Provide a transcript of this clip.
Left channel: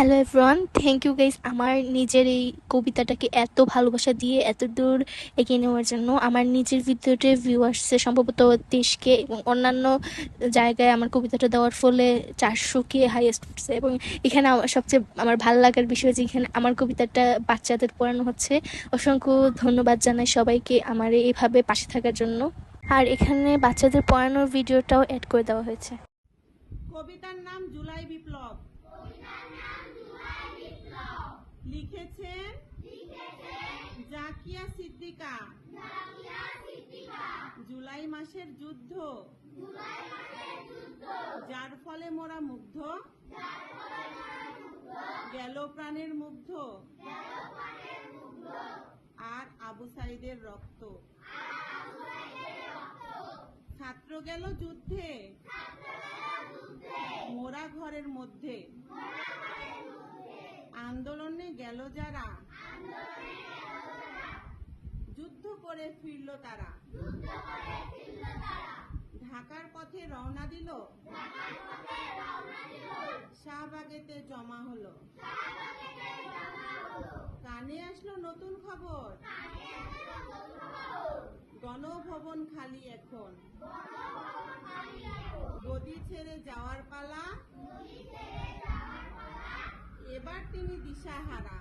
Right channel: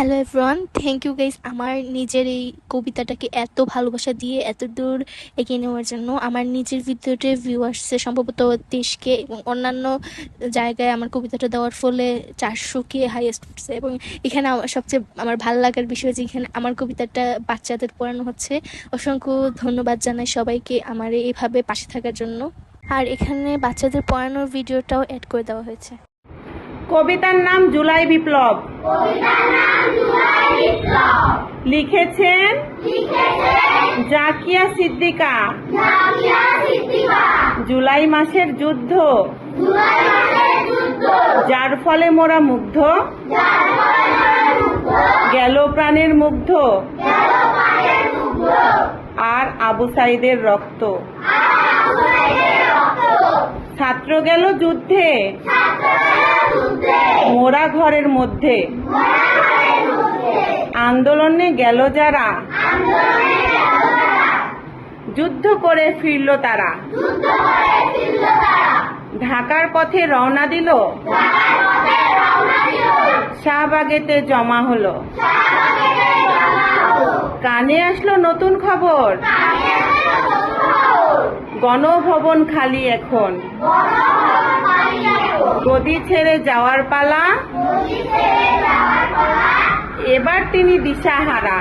Hello everyone, thank you guys আমার নিজের এই কবিতাটাকে এত ভালোবাসা দিয়ে এত দূর এগিয়ে নেওয়ার জন্য। আমার নিজের ভিডিওতে ভিউ আসছে সম্ভবত 23K, এবং অন্যান্য জায়গায় আমার কবিতাটা দেওয়ার ফলে 400K হাইয়েস্ট উঠছে। এবং এখানে আমার সবচেয়ে ভালো লাগার বিষয় যে এখানে আমার কবিতাটা বাচ্চাদের পড়ানো হচ্ছে। অসংখ্য ধন্যবাদ জানাই সবাইকে আমার এইভাবে পাশে থাকার জন্য। আর এখানে বাচ্চাদের পড়ানোর ভিডিওটাও অ্যাড করে দেওয়া হয়েছে। কবিতার নাম জুলাই বিপ্লব। লিখেছেন জাকিয়া সিদ্দিকা। জুলাই মাসের যুদ্ধ, যার ফলে মোরা মুগ্ধ, গেল প্রাণের মুগ্ধ, আর আবু সাইদের রক্ত। ছাত্র গেল যুদ্ধে, মোরা ঘরের মধ্যে, আন্দোলনে গেল যারা, যুদ্ধ করে ফিরল তারা। ঢাকার পথে রওনা দিল, শাহবাগেতে জমা হলো। কানে আসলো নতুন খবর, গণভবন খালি এখন। গদি ছেড়ে যাওয়ার পালা, এবার তিনি দিশাহারা।